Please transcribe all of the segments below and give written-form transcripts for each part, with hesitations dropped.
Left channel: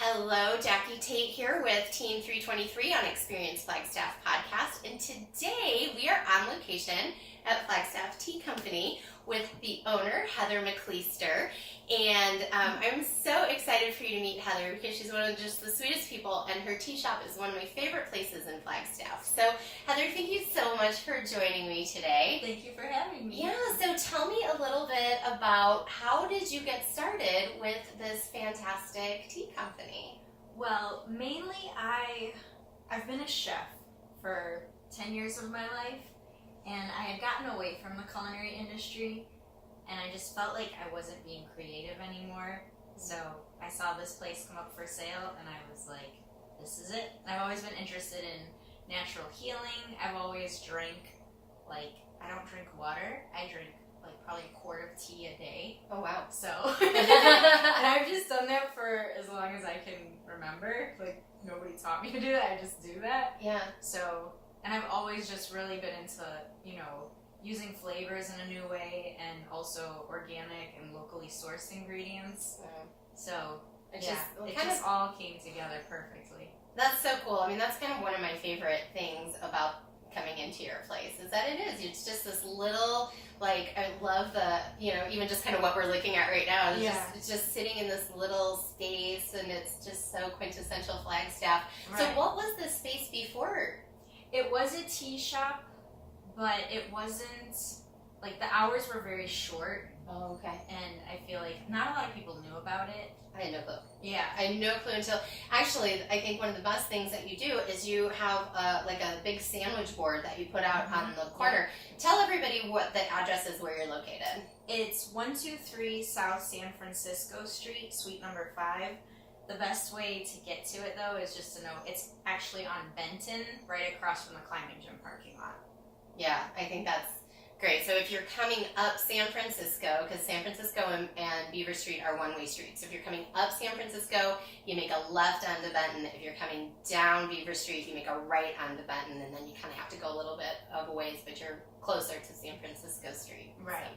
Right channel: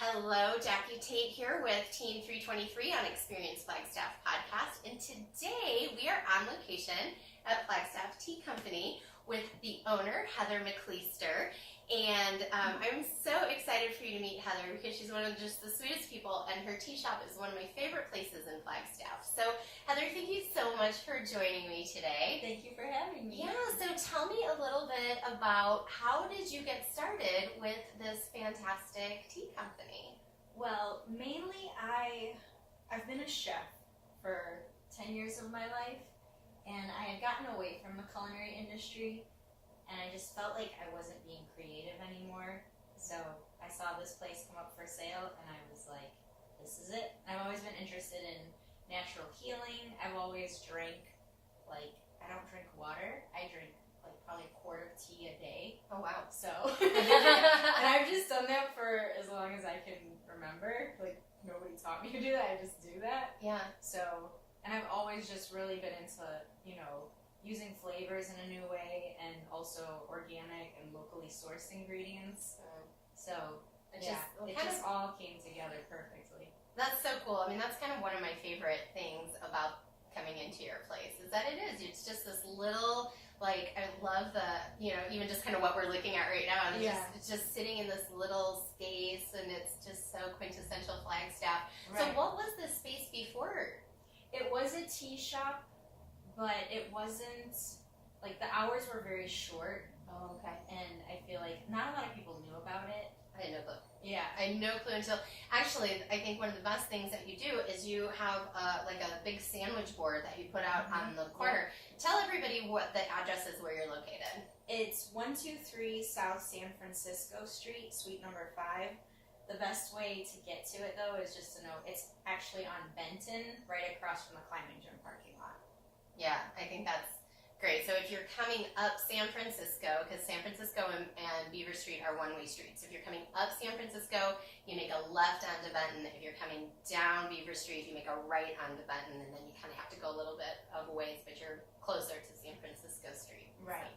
Hello, Jacki Tait here with Team 323 on Experience Flagstaff podcast, and today we are on location at Flagstaff Tea Company with the owner, Heather McCleester, and I'm so excited for you to meet Heather because she's one of just the sweetest people, and her tea shop is one of my favorite places in Flagstaff. So, Heather, thank you so much for joining me today. Thank you for having me. Yeah, so tell me a little bit about how did you get started with this fantastic tea company? Well, mainly I've been a chef for 10 years of my life, and I had gotten away from the culinary industry, and I just felt like I wasn't being creative anymore. So I saw this place come up for sale, and I was like, this is it. I've always been interested in natural healing. I've always drank, I don't drink water. I drink probably a quart of tea a day. Oh, wow. So, and I've just done that for as long as I can remember. Nobody taught me to do that. I just do that. Yeah. So, and I've always just really been into, using flavors in a new way, and also organic and locally sourced ingredients. So, it just all came together perfectly. That's so cool. I mean, that's kind of one of my favorite things about coming into your place is that it's just this little, I love the, even just kind of what we're looking at right now. It's just sitting in this little space, and it's just so quintessential Flagstaff. Right. So what was this space before? It was a tea shop, but it wasn't, the hours were very short. Oh, okay. And I feel like not a lot of people knew about it. I had no clue. Yeah. I had no clue until, actually, I think one of the best things that you do is you have a big sandwich board that you put out on the corner. Tell everybody what the address is where you're located. It's 123 South San Francisco Street, suite number 5. The best way to get to it, though, is just to know it's actually on Benton, right across from the climbing gym parking lot. Yeah, I think that's great. So if you're coming up San Francisco, because San Francisco and Beaver Street are one-way streets. So if you're coming up San Francisco, you make a left onto Benton. If you're coming down Beaver Street, you make a right onto Benton, and then you kind of have to go a little bit of a ways, but you're closer to San Francisco Street. Right.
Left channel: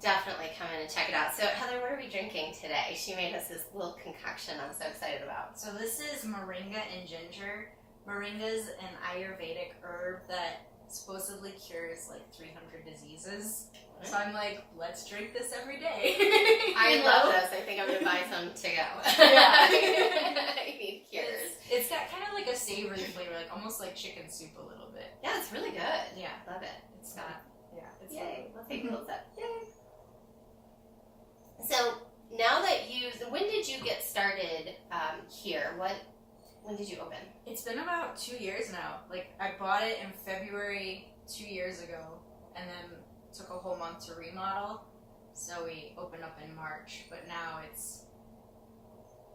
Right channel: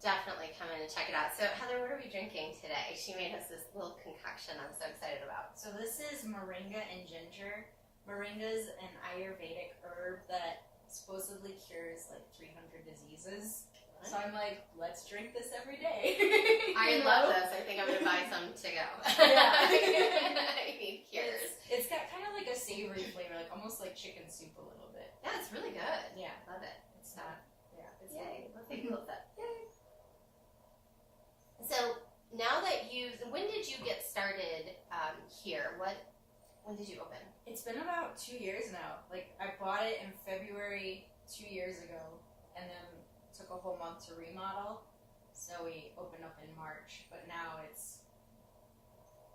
So definitely come in and check it out. So Heather, what are we drinking today? She made us this little concoction I'm so excited about. So this is moringa and ginger. Moringa is an Ayurvedic herb that supposedly cures 300 diseases. So I'm like, let's drink this every day. I love this. I think I'm gonna buy some to go. Yeah. Cures. It's got kind of a savory flavor, almost like chicken soup a little bit. Yeah, it's really good. Yeah, Love it. it's not. Yeah, it's Yay. Let's take a little sip. Yay. So now that when did you get started here? When did you open? It's been about 2 years now. I bought it in February 2 years ago, and then took a whole month to remodel. So we opened up in March, but now it's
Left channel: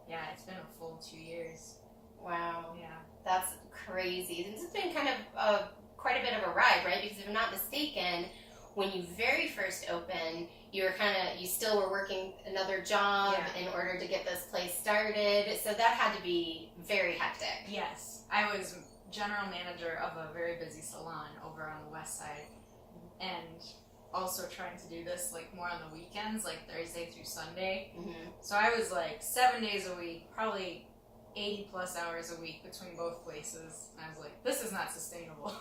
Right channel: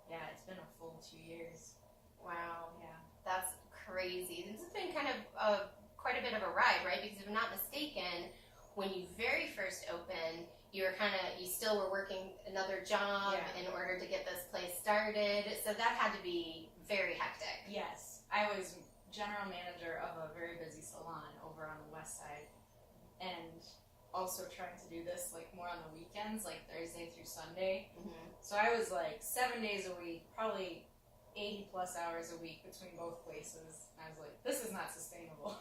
been a full 2 years. Wow. Yeah. That's crazy. This has been kind of quite a bit of a ride, right? Because if I'm not mistaken, when you very first opened, you still were working another job in order to get this place started. So that had to be very hectic. Yes. I was general manager of a very busy salon over on the west side, and also trying to do this more on the weekends, Thursday through Sunday. Mm-hmm. So I was 7 days a week, probably 80 plus hours a week between both places. And I was like, this is not sustainable.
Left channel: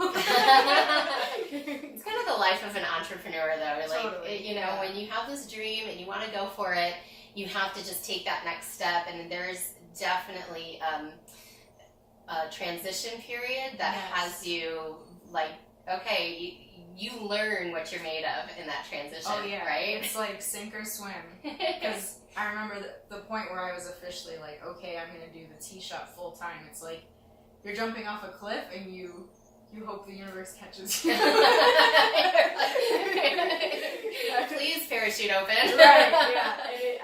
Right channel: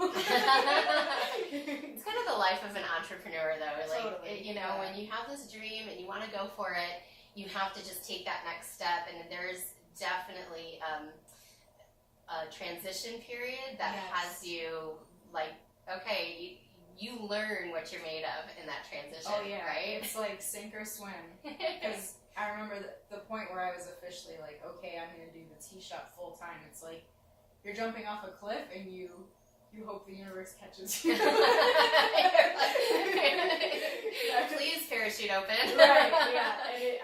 It's kind of the life of an entrepreneur, though. Totally. When you have this dream and you want to go for it, you have to just take that next step. And there's definitely a transition period that has you okay, you learn what you're made of in that transition. Oh yeah, right? It's sink or swim. Because I remember the point where I was officially okay, I'm gonna do the tea shop full time. It's you're jumping off a cliff and you hope the universe catches you. Please parachute open. Right. Yeah.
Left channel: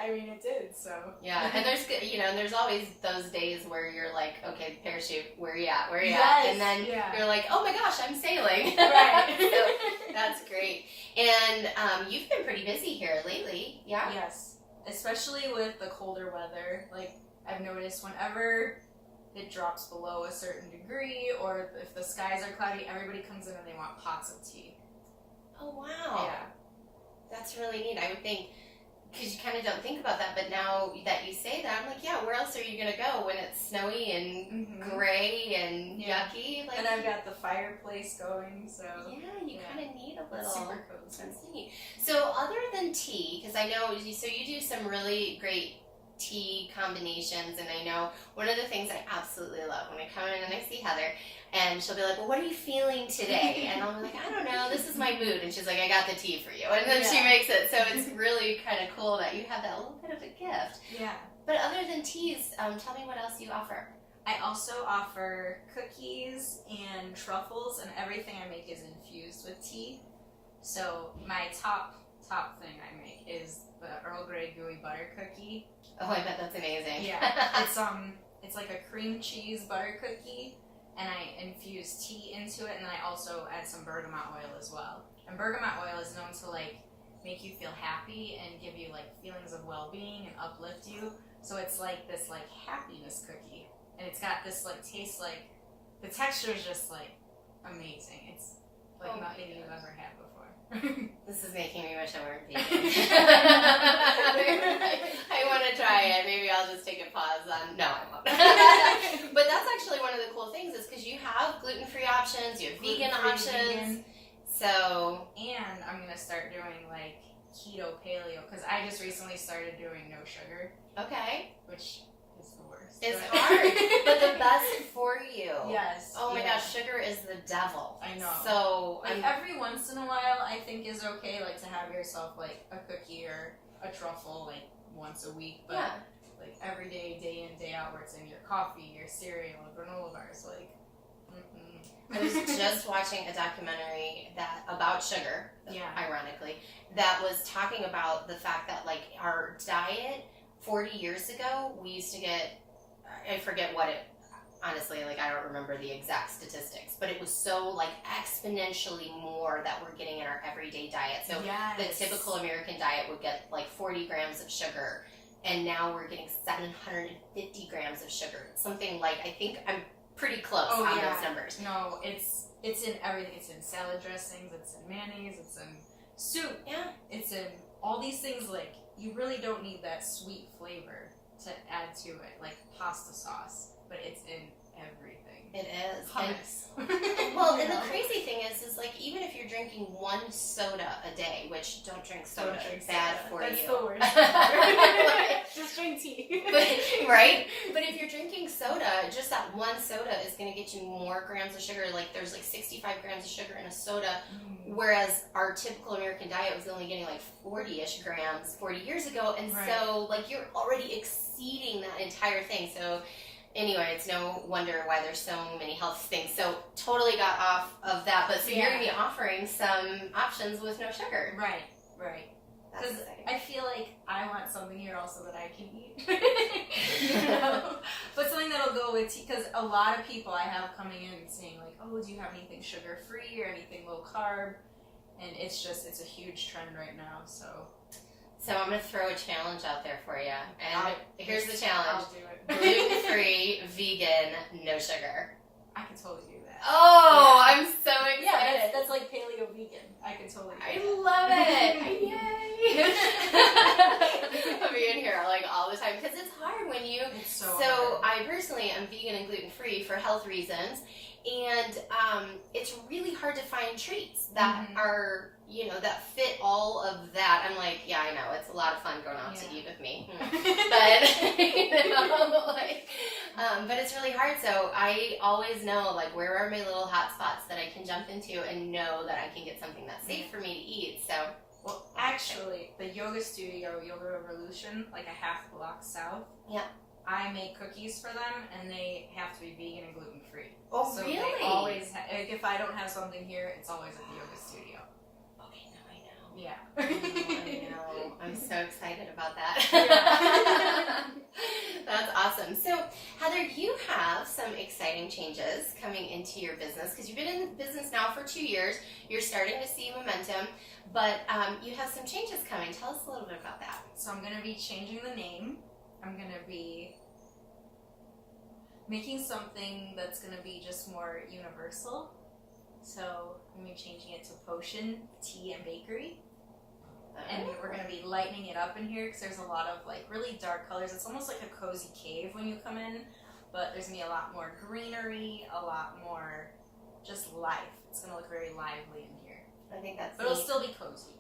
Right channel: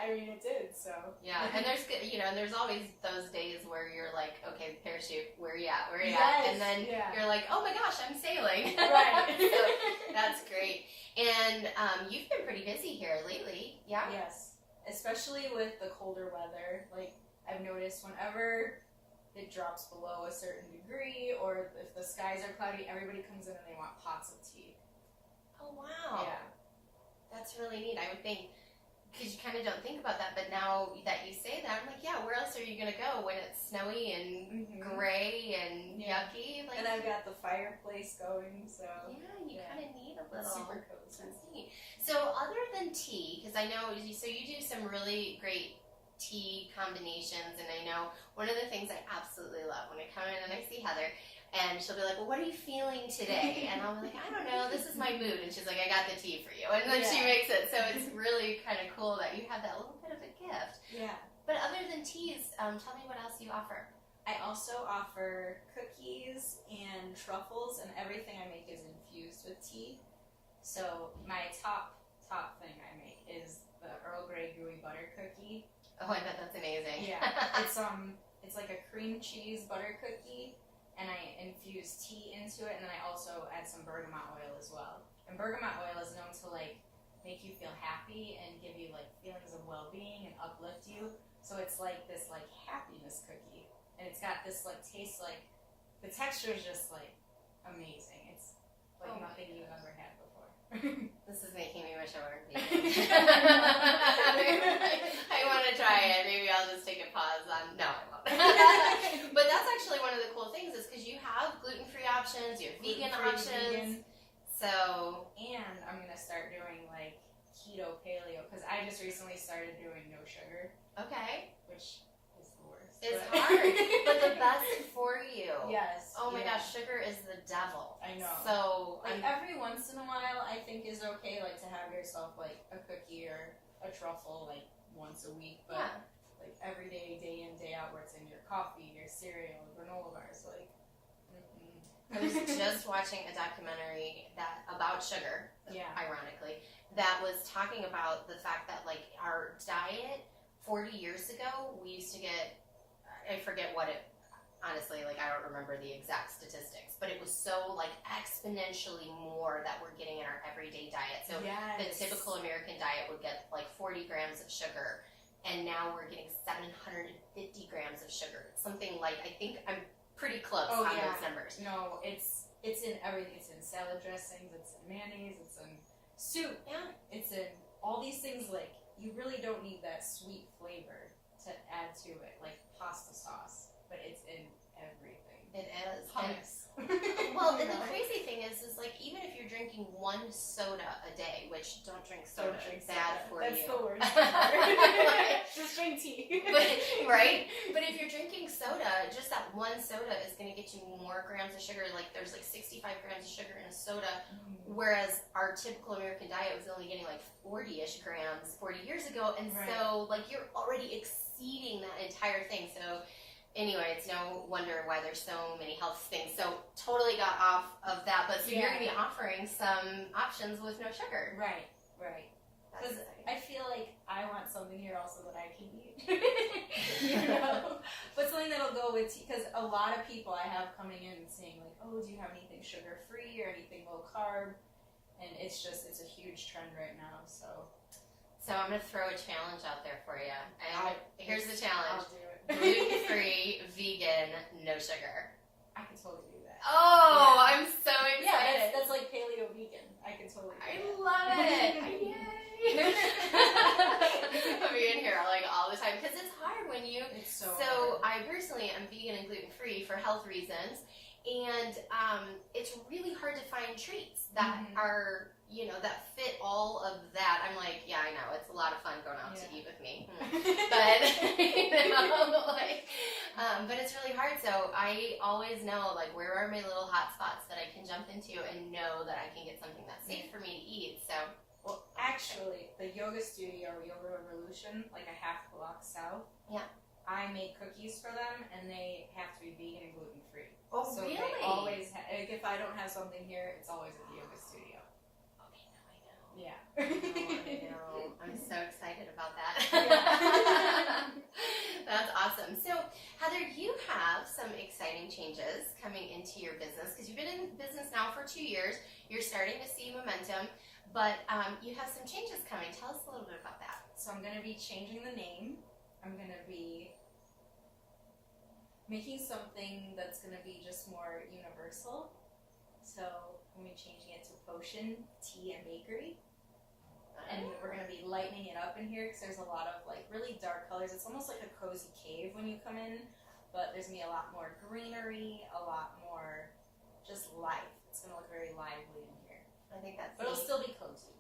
And it did. So. Yeah, and there's always those days where you're okay, parachute, where you at? Yes, And then you're oh my gosh, I'm sailing. Right. So that's great. And you've been pretty busy here lately. Yeah. Yes. Especially with the colder weather. I've noticed whenever it drops below a certain degree, or if the skies are cloudy, everybody comes in and they want pots of tea. Oh wow. Yeah. That's really neat. I would think because you kind of don't think about that, but now that you say that, I'm like, yeah, where else are you going to go when it's snowy and gray and yucky? Like, and I've got the fireplace going, so... Yeah, you kind of need a little... It's super cozy. That's neat. So other than tea, because I know, so you do some really great tea combinations, and I know one of the things I absolutely love when I come in and I see Heather, and she'll be like, well, what are you feeling today? And I'm like, I don't know, this is my mood. And she's like, I got the tea for you. And then she makes it. So it's really kind of cool that you have that little bit of a gift. Yeah. But other than teas, tell me what else you offer. I also offer cookies and truffles, and everything I make is infused with tea. So my top thing I make is the Earl Grey gooey butter cookie. Oh, I bet that's amazing. Yeah. It's like a cream cheese butter cookie. And I infuse tea into it, and then I also add some bergamot oil as well. And bergamot oil is known to like make you feel happy and give you like feelings of well-being and uplift you. So it's like this like happiness cookie, and it's got this like taste like the texture is just like amazing. It's like nothing you've ever had before. This is making me wish I weren't vegan. I want to try it. Maybe I'll just take a pause on. No, I won't. But that's actually one of the cool things is because you have gluten-free options, you have vegan options. So, and I'm gonna start doing like keto paleo because I just recently started doing no sugar. Okay. Which is the worst. It's hard, but the best for you. Yes. Oh my gosh, sugar is the devil. I know. So like every once in a while, I think is okay, like to have yourself like a cookie or a truffle like once a week, but like every day, day in, day out, where it's in your coffee, your cereal, granola bars, like. I was just watching a documentary about sugar. Ironically, that was talking about the fact that like our diet 40 years ago, we used to get, I forget what it, honestly, like I don't remember the exact statistics, but it was so like exponentially more that we're getting in our everyday diet. So the typical American diet would get like 40 grams of sugar, and now we're getting 750 grams of sugar. Something like, I think I'm pretty close on those numbers. No, it's in everything. It's in salad dressings, it's in mayonnaise, it's in soup. Yeah. It's in all these things, like, you really don't need that sweet flavor to add to it, like pasta sauce, but it's in everything. It is. Hummus. Well, and the crazy thing is like, even if you're drinking one soda a day, which don't drink soda, it's bad for you. That's the worst. Just drink tea. Right? But if you're drinking soda, just that one soda is going to get you more grams of sugar. Like, there's like 65 grams of sugar in a soda, whereas our typical American diet was only getting like 40-ish grams 40 years ago. And so, like, you're already exceeding that entire thing. So, anyway, it's no wonder why there's so many health things. So totally got off of that. But so you're going to be offering some options with no sugar. Right. Because I feel like I want something here also that I can eat. You know? But something that'll go with tea. Because a lot of people I have coming in saying like, oh, do you have anything sugar-free or anything low-carb? And it's a huge trend right now, so... So I'm going to throw a challenge out there for you. And here's the challenge. I'll do it. Gluten-free, vegan, no sugar. I can totally do that. Oh, I'm so excited. Yeah, that's like paleo vegan. I can totally do that. I love it. Yay. I'm being here like all the time because it's hard when you... It's so hard. I personally am vegan and gluten-free for health reasons. And it's really hard to find treats that are, you know, that fit all of that. I'm like, yeah, I know. It's a lot of fun going out to eat with me. But, you know, like, but it's really hard. So I always know, like, where are my little hot spots that I can jump into and know that I can get something that's safe for me to eat. So, well, actually, the yoga studio, Yoga Revolution, like a half block south. Yeah. I make cookies for them, and they have to be vegan and gluten-free. Oh, so really? They always like, if I don't have something here, it's always at the yoga studio. Okay, now I know. Yeah. I know. I'm so excited about that. Yeah. That's awesome. So, Heather, you have some exciting changes coming into your business because you've been in business now for 2 years. You're starting to see momentum, but you have some changes coming. Tell us a little bit about that. So I'm going to be changing the name. I'm going to be making something that's going to be just more universal. So I'm going to be changing it to Potion, Tea, and Bakery. And we're going to be lightening it up in here because there's a lot of like really dark colors. It's almost like a cozy cave when you come in, but there's going to be a lot more greenery, a lot more just life. It's going to look very lively in here. I think that's But it'll neat. still be cozy.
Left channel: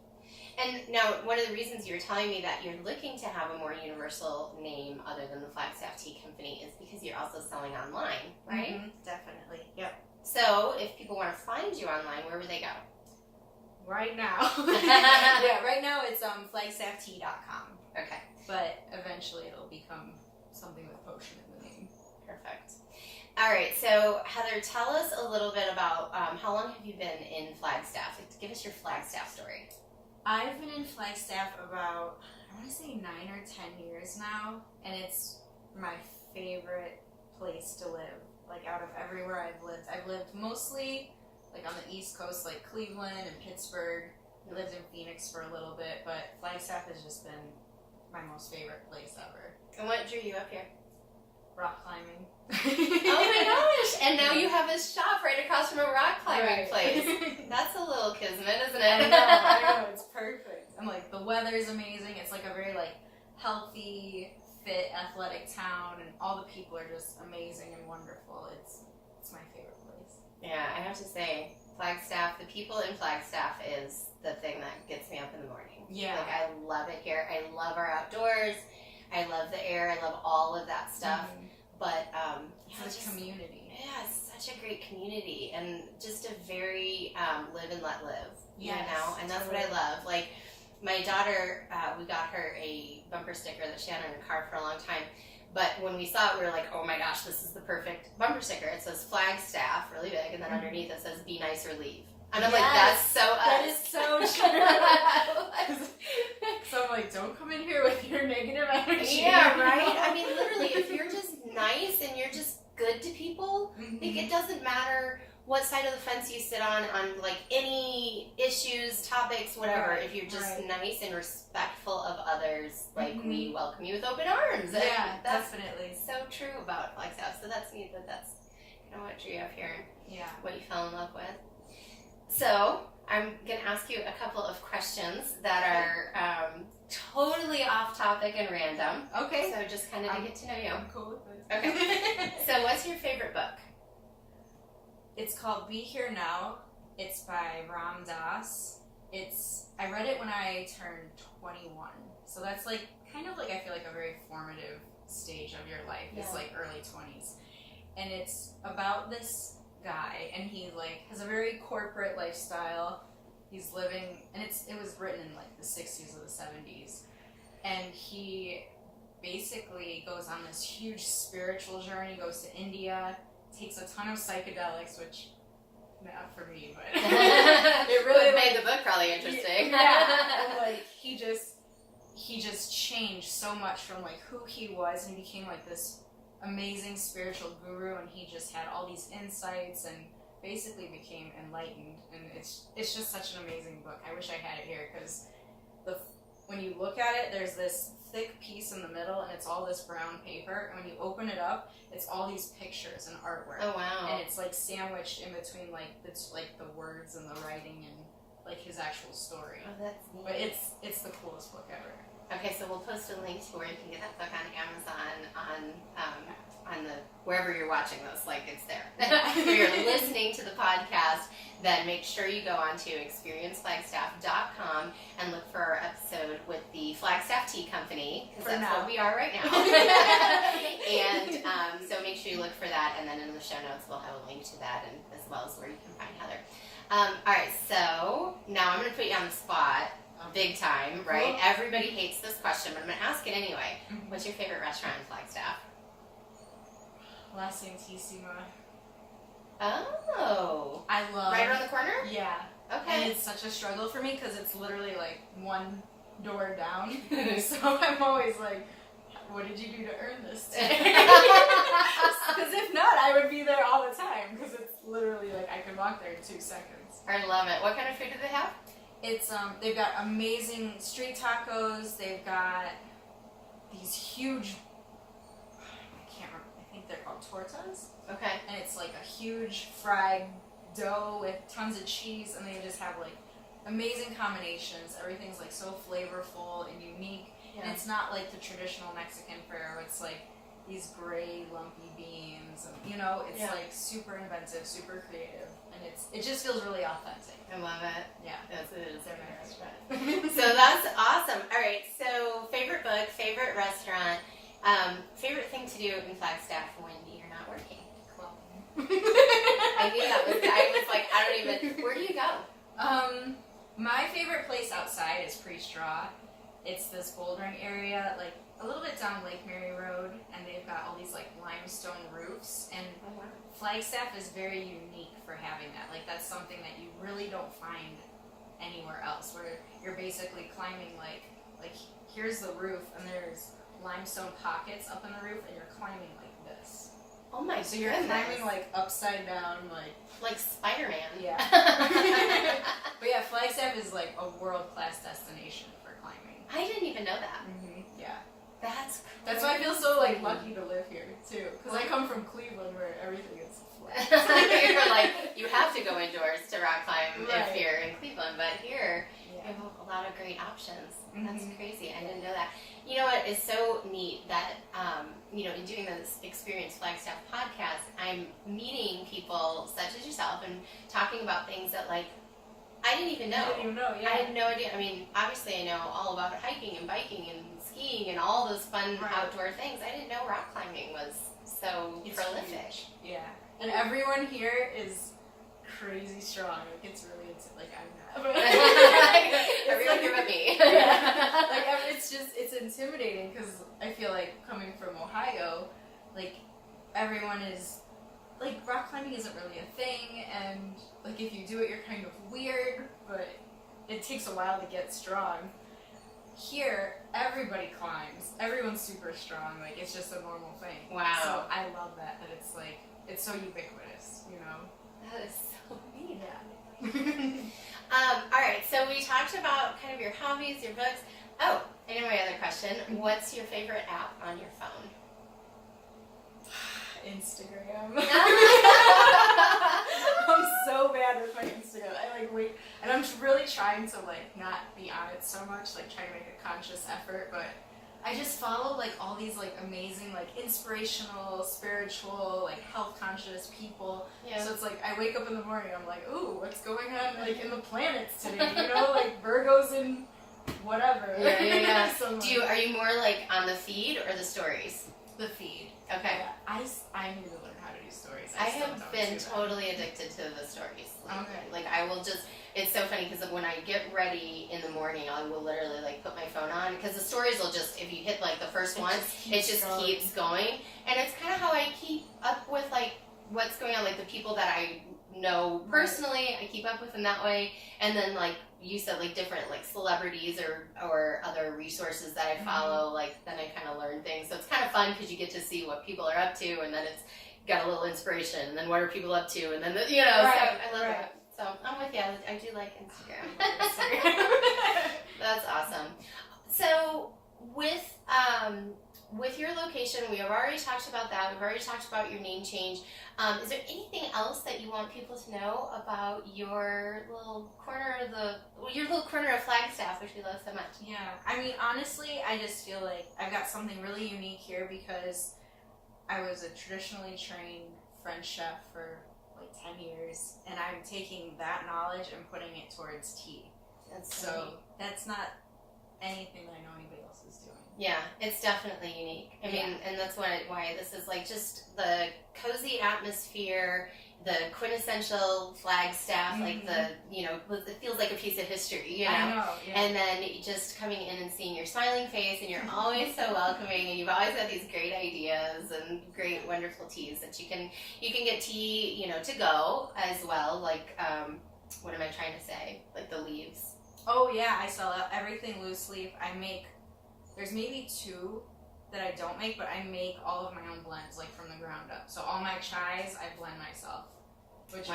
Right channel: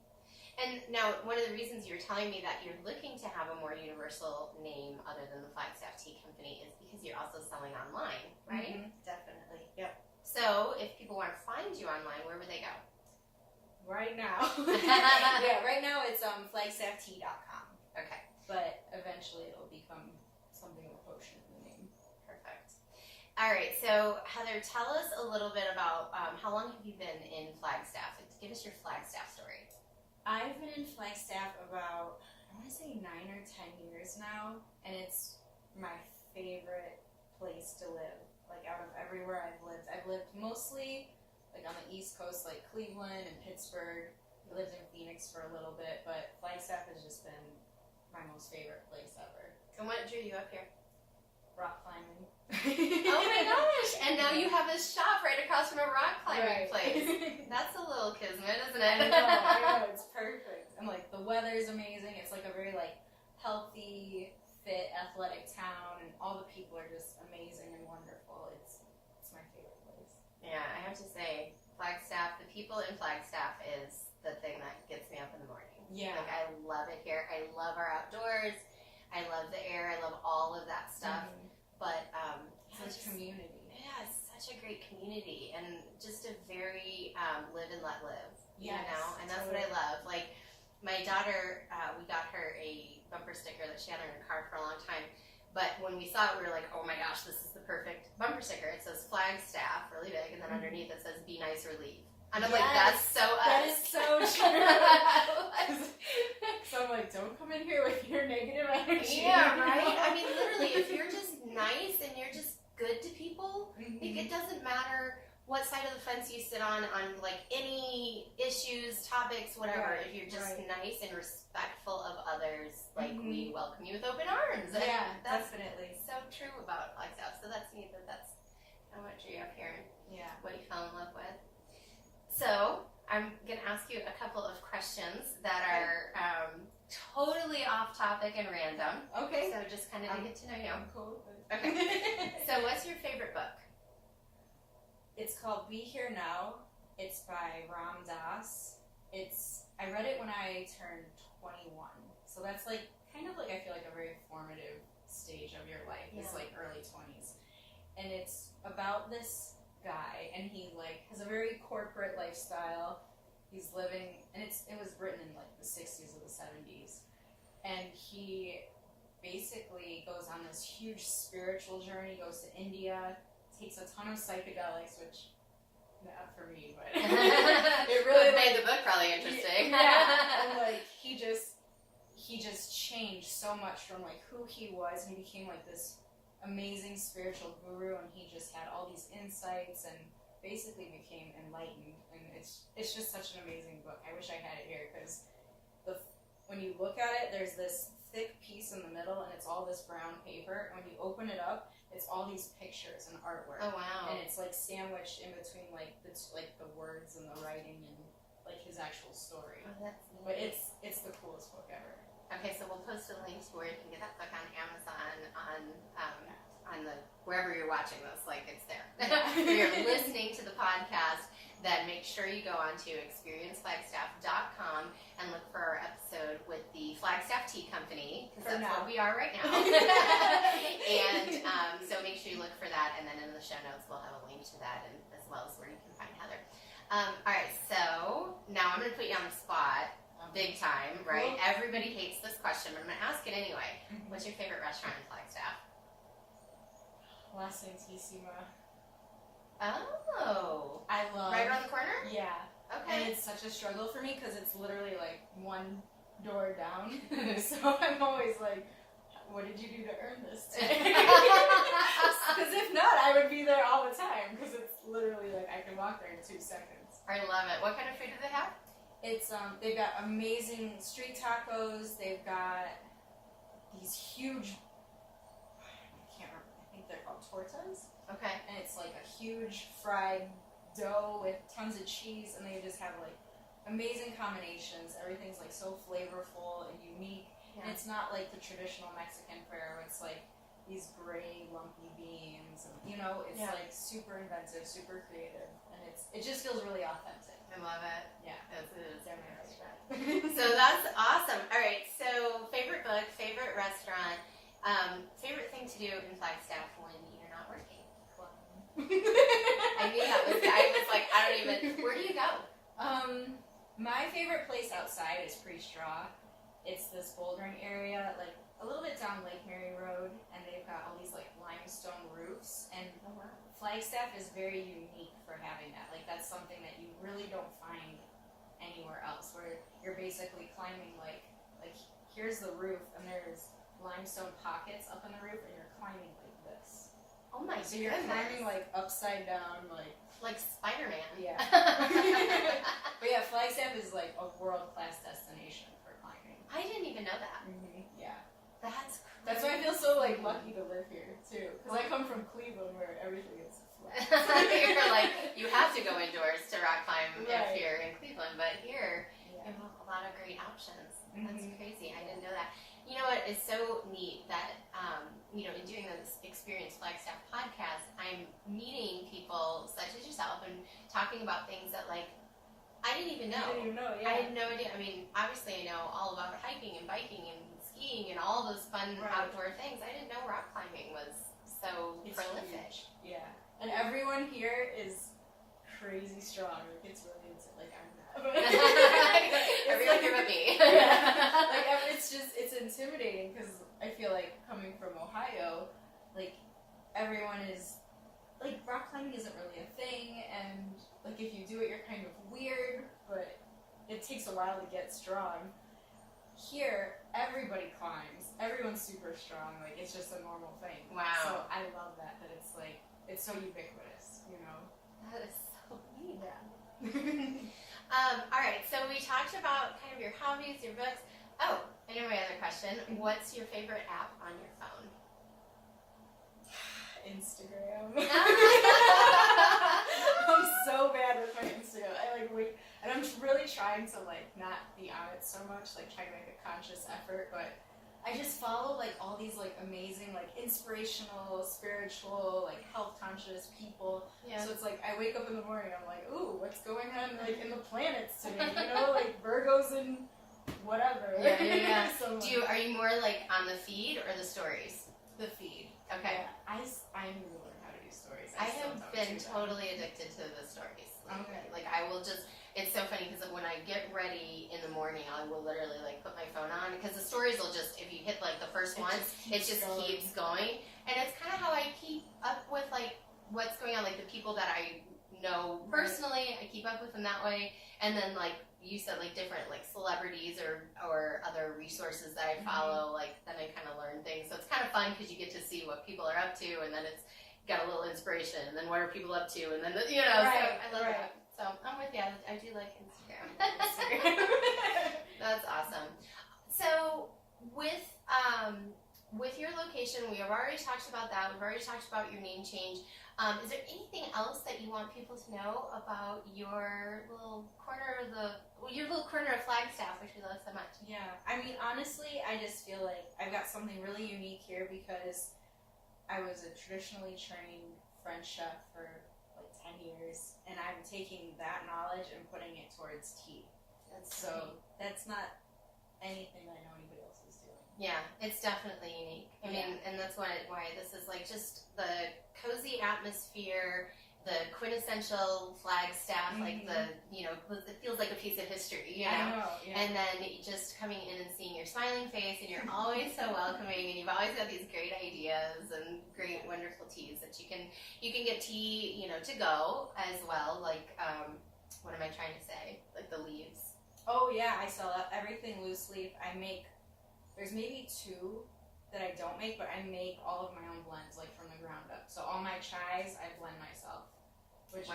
And now, one of the reasons you were telling me that you're looking to have a more universal name other than the Flagstaff Tea Company is because you're also selling online, right? Mm-hmm. Definitely. Yep. So, if people want to find you online, where would they go? Right now. Yeah, right now it's flagstafftea.com. Okay. But eventually it'll become something with potion in the name. Perfect. All right, so Heather, tell us a little bit about how long have you been in Flagstaff? Give us your Flagstaff story. I've been in Flagstaff about, I want to say 9 or 10 years now, and it's my favorite place to live. Like out of everywhere I've lived mostly like on the East Coast, like Cleveland and Pittsburgh. I lived in Phoenix for a little bit, but Flagstaff has just been my most favorite place ever. And what drew you up here? Rock climbing. Oh my gosh! And now you have a shop right across from a rock climbing Right. place. That's a little kismet, isn't I it? know, it's perfect. And like the weather's amazing. It's like a very like healthy, fit, athletic town, and all the people are just amazing and wonderful. It's my favorite place. Yeah, I have to say, Flagstaff, the people in Flagstaff is the thing that gets me up in the morning. Yeah. Like, I love it here. I love our outdoors. I love the air. I love all of that stuff. Mhm. But, It's a community. Yeah, it's such a great community and just a very live and let live. Yes, You know? And that's what I love. Like, my daughter, we got her a bumper sticker that she had in her car for a long time. But when we saw it, we were like, oh my gosh, this is the perfect bumper sticker. It says Flagstaff, really big, and then underneath it says, be nice or leave. And I'm like, that's so us. That is so true. So I'm like, don't come in here with your negative energy. Yeah, right? I mean, literally, if you're just nice and you're just good to people, Mhm. like, it doesn't matter what side of the fence you sit on like any issues, topics, whatever. Right, If you're just right. nice and respectful of others, like Mhm. we welcome you with open arms. And Yeah, that's definitely. so true about Flagstaff. So that's neat that's kind of what drew you up here and Yeah. what you fell in love with. So I'm going to ask you a couple of questions that are totally off topic and random. Okay. So just kind of to get to know you. I'm cool with it. Okay. So what's your favorite book? It's called Be Here Now. It's by Ram Dass. I read it when I turned 21. So that's like kind of like I feel like a very formative stage of your life. It's Yeah. like early 20s. And it's about this guy and he like has a very corporate lifestyle. He's living and it was written in like the 60s or the 70s. And he basically goes on this huge spiritual journey, goes to India, takes a ton of psychedelics, which not for me, but It really made the book probably interesting. Yeah, and like he just changed so much from like who he was, and he became like this amazing spiritual guru, and he just had all these insights and basically became enlightened. And it's just such an amazing book. I wish I had it here because when you look at it, there's this thick piece in the middle, and it's all this brown paper. And when you open it up, it's all these pictures and artwork. Oh wow! And it's like sandwiched in between like the words and the writing and like his actual story. Oh, that's neat. But it's the coolest book ever. Okay, so we'll post a link to where you can get that book on Amazon, on the wherever you're watching this, like it's there. If you're listening to the podcast, then make sure you go on to experienceflagstaff.com and look for our episode with the Flagstaff Tea Company, because that's what we are right now. And so make sure you look for that, and then in the show notes we'll have a link to that, and as well as where you can find Heather. All right, so now I'm going to put you on the spot. Big time, right? Cool. Everybody hates this question, but I'm going to ask it anyway. Mhm. What's your favorite restaurant in Flagstaff? La Santissima. Oh. I love. Right around the corner? Yeah. And Okay. it's such a struggle for me because it's literally like one door down. So I'm always like, what did you do to earn this today? Because if not, I would be there all the time because it's literally like I could walk there in 2 seconds. I love it. What kind of food do they have? It's they've got amazing street tacos. They've got these huge, I can't remember, I think they're called tortas. Okay. And it's like a huge fried dough with tons of cheese, and they just have like amazing combinations. Everything's like so flavorful and unique. And it's not like the traditional Mexican fare where it's like these gray lumpy beans, and you know, it's like super inventive, super creative, and it just feels really authentic. I love it. Yeah, that's it. It's in my restaurant. So that's awesome. All right. So favorite book, favorite restaurant, favorite thing to do in Flagstaff when you're not working. Cool. I knew that was. I was like, I don't even. Where do you go? My favorite place outside is Pre-Straw. It's this bouldering area, like a little bit down Lake Mary Road, and they've got all these like limestone roofs, and Flagstaff is very unique for having that. Like that's something that you really don't find anywhere else, where you're basically climbing like here's the roof, and there's limestone pockets up in the roof, and you're climbing like this. Oh my So you're climbing like upside down, like Spider-Man. Yeah. But yeah, Flagstaff is like a world-class destination for climbing. I didn't even know that. Yeah. That's why I feel so like lucky to live here too, because I come from Cleveland where everything is flat. You're like, you have to go indoors to rock climb if you're in Cleveland, but here you have a lot of great options. That's crazy. I didn't know that. You know what is so neat that, you know, in doing this Experience Flagstaff podcast, I'm meeting people such as yourself and talking about things that, like, I didn't even know. I didn't even know, yeah. I had no idea. I mean, obviously I know all about hiking and biking and skiing and all those fun outdoor things. I didn't know rock climbing was so prolific. Huge. Yeah. And everyone here is crazy strong. Like, it's really, like, I'm not. Everyone here but me. Yeah. Like, it's intimidating because I feel like coming from Ohio, like, everyone is, like, rock climbing isn't really a thing, and, like, if you do it, you're kind of weird, but it takes a while to get strong. Here, everybody climbs. Everyone's super strong. Like, it's just a normal thing. Wow. So I love that it's, like, it's so ubiquitous, you know? That is so neat. Yeah. All right, so we talked about kind of your hobbies, your books. Oh, and my other question, what's your favorite app on your phone? Instagram. I'm so bad with my Instagram. I like wait, and I'm really trying to like not be on it so much, like trying to make a conscious effort, but I just follow like all these like amazing, like inspirational, spiritual, like health conscious people. Yeah. So it's like I wake up in the morning, I'm like, ooh, what's going on like in the planets today? You know, like Virgo's in whatever. Yeah. So are you more like on the feed or the stories? The feed. Okay. Yeah, I need to learn how to do stories. I have been totally addicted to the stories. Like I will just, it's so funny because when I get ready in the morning, I will literally like put my phone on because the stories will just, if you hit like the first one, it just keeps going. And it's kind of how I keep up with like what's going on, like the people that I know personally, I keep up with them that way. And then like you said, like different like celebrities or other resources that I follow, like then I kind of learn things. So it's kind of fun because you get to see what people are up to, and then it's got a little inspiration, and then what are people up to, and then you know. So I love that. So I'm with you. I do like Instagram. That's awesome. So with your location, we have already talked about that. We've already talked about your name change. Is there anything else that you want people to know about your little corner of Flagstaff, which we love so much? Yeah, I mean, honestly, I just feel like I've got something really unique here because I was a traditionally trained French chef for like 10 years, and I'm taking that knowledge and putting it towards tea. That's not anything that I know anybody else is doing. Yeah, it's definitely unique. I mean, and that's why this is like just the cozy atmosphere, the quintessential Flagstaff, like the, you know, it feels like a piece of history, you know? I know, yeah. And then just coming in and seeing your smiling face, and you're always so welcoming, and you've always had these great ideas and great, wonderful teas that you can get tea, you know, to go as well, like, what am I trying to say? Like the leaves. Oh yeah, I sell everything loose leaf. There's maybe 2 that I don't make, but I make all of my own blends, like from the ground up. So all my chais, I blend myself, which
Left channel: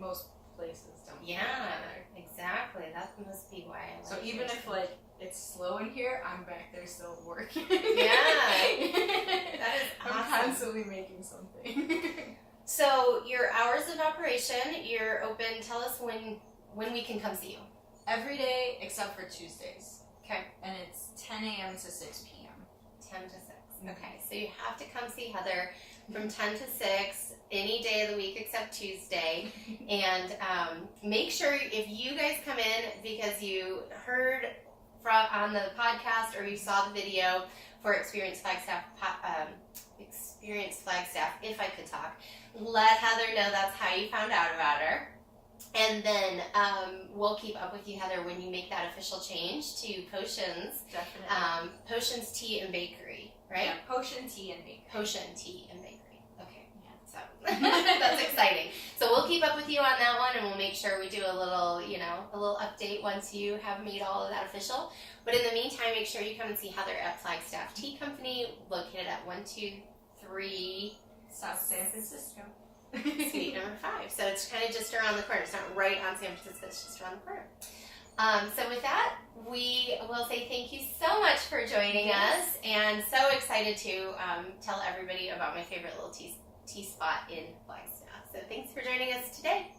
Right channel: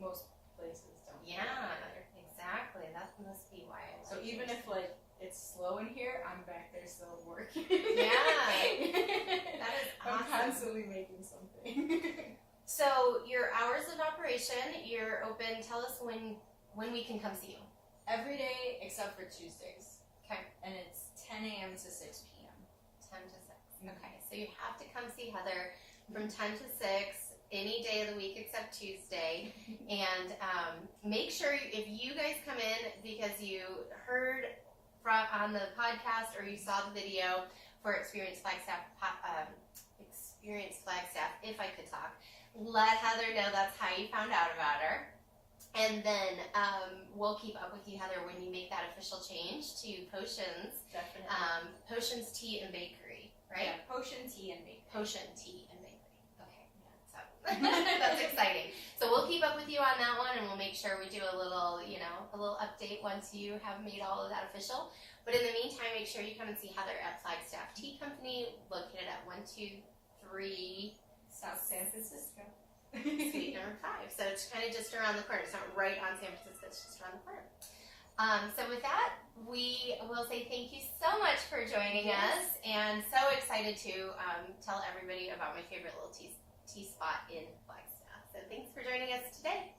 most places don't. Yeah, exactly. That must be why I like So even if like it's slow in here, I'm back there still working. Yeah, that is awesome. I'm constantly making something. So your hours of operation, you're open. Tell us when we can come see you. Every day except for Tuesdays. Okay. And it's 10 a.m. to 6 p.m. 10 to 6. Okay, so you have to come see Heather from 10 to 6 any day of the week except Tuesday. And make sure if you guys come in because you heard on the podcast or you saw the video for Experience Flagstaff, if I could talk, let Heather know that's how you found out about her. And then we'll keep up with you, Heather, when you make that official change to Potions. Definitely. Potions Tea and Bakery, right? Yeah, Potion Tea and Bakery. Potion Tea and Bakery. Okay, yeah. So that's exciting. So we'll keep up with you on that one, and we'll make sure we do a little update once you have made all of that official. But in the meantime, make sure you come and see Heather at Flagstaff Tea Company, located at 123 South San Francisco. Suite number 5. So it's kind of just around the corner. It's not right on San Francisco, it's just around the corner. So with that, we will say thank you so much for joining us, and so excited to tell everybody about my favorite little tea spot in Flagstaff. So thanks for joining us today.